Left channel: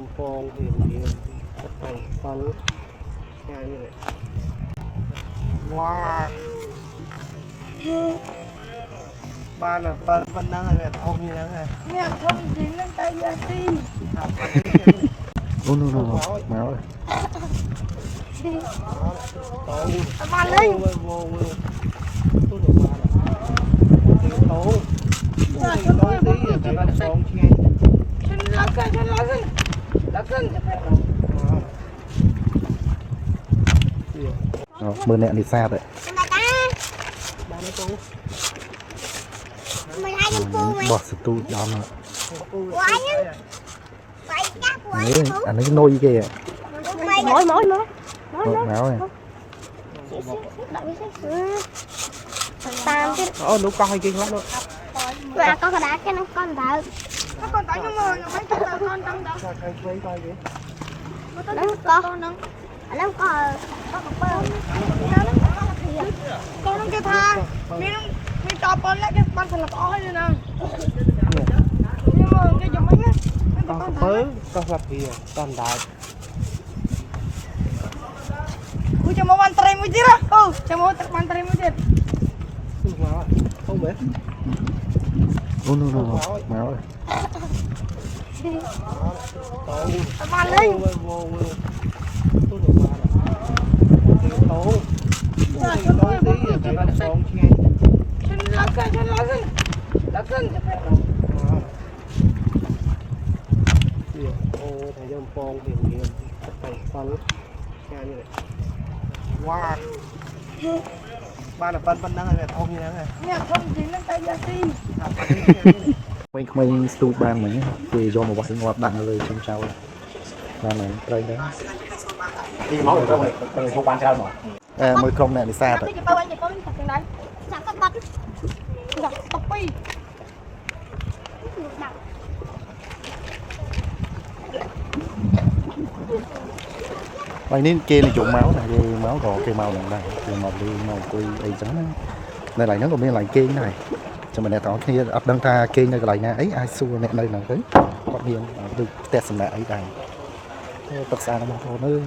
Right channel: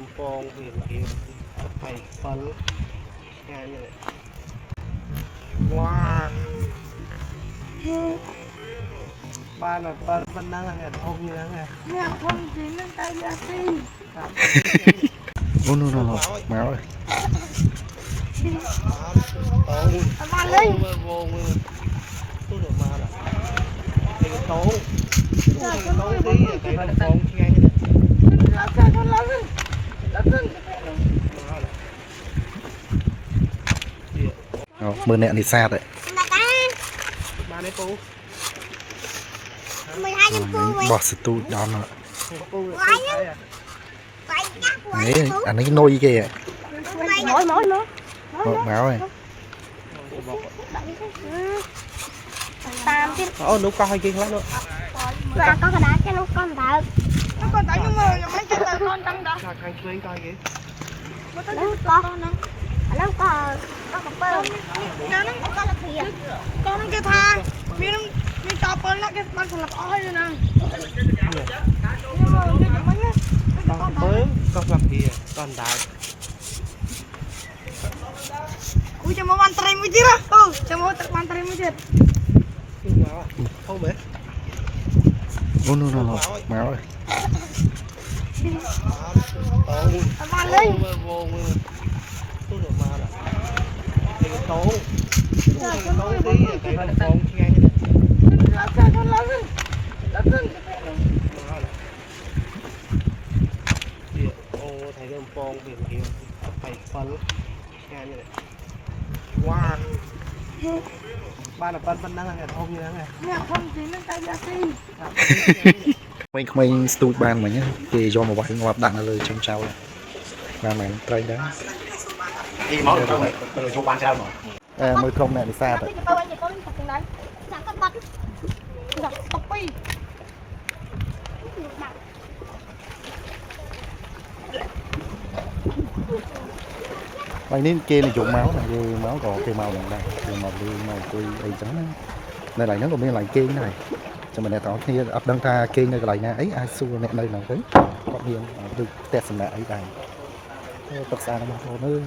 Đông Phong thì kiểu thầy phân ngay như này. Wow. Ba là phân đang là thông như thế này. Nè thông chính lên tay ra đi. Ô no máu ơi. Ba lên. Vô cái được ba là cái tố. Cái tố tí cái là con nghe. Mưa nẹn thì xa đấy. Bỏ sự tu đó nữa. Đấy, anh ấy nôi kìa. Máu này. Nó con hay kinh lắm luôn. Và con đá cái nó con đá. Nó con đá nhưng mà mấy cái là con trắng đó. Cho cây chơi coi kìa. Nó con. Nó con. Nó con là kìa. Con nó cái tha. Mình cho con lại cái con phải lập oi rồi nè. Mới con gặp kìa, con đá. Ui cho mau mantai mu dia lah. Oh, cho mau mantai mu dia. Không biết. Ô no máu ơi. Ba lên. Vô cái được ba là cái tố. Cái tố tí cái là con nghe. Ô thầy Đông Phong thì kiểu thầy phân ngay như này. Wow. Ba là phân đang là thông như thế này. Nè thông chính lên tay ra đi. Mình stu ban mà nhá. Thì do một vài ngọt đặng rồi trong sau này. Và mình trai đó. Đi máu được không? Từ trong ban sao mà. Mới không nẹn thì xa đấy. Vậy nên kia này trộn máu này, máu còn cây màu này đây, cây màu đi màu tươi ấy trắng. Đây lại nó còn bên lại kia này. Cho mình này tao kia ấp đăng ta kia này lại nè ấy ai xua nè đây là cái. Còn hiền từ test này ấy đây. Tất xa nó mà thôi nữa.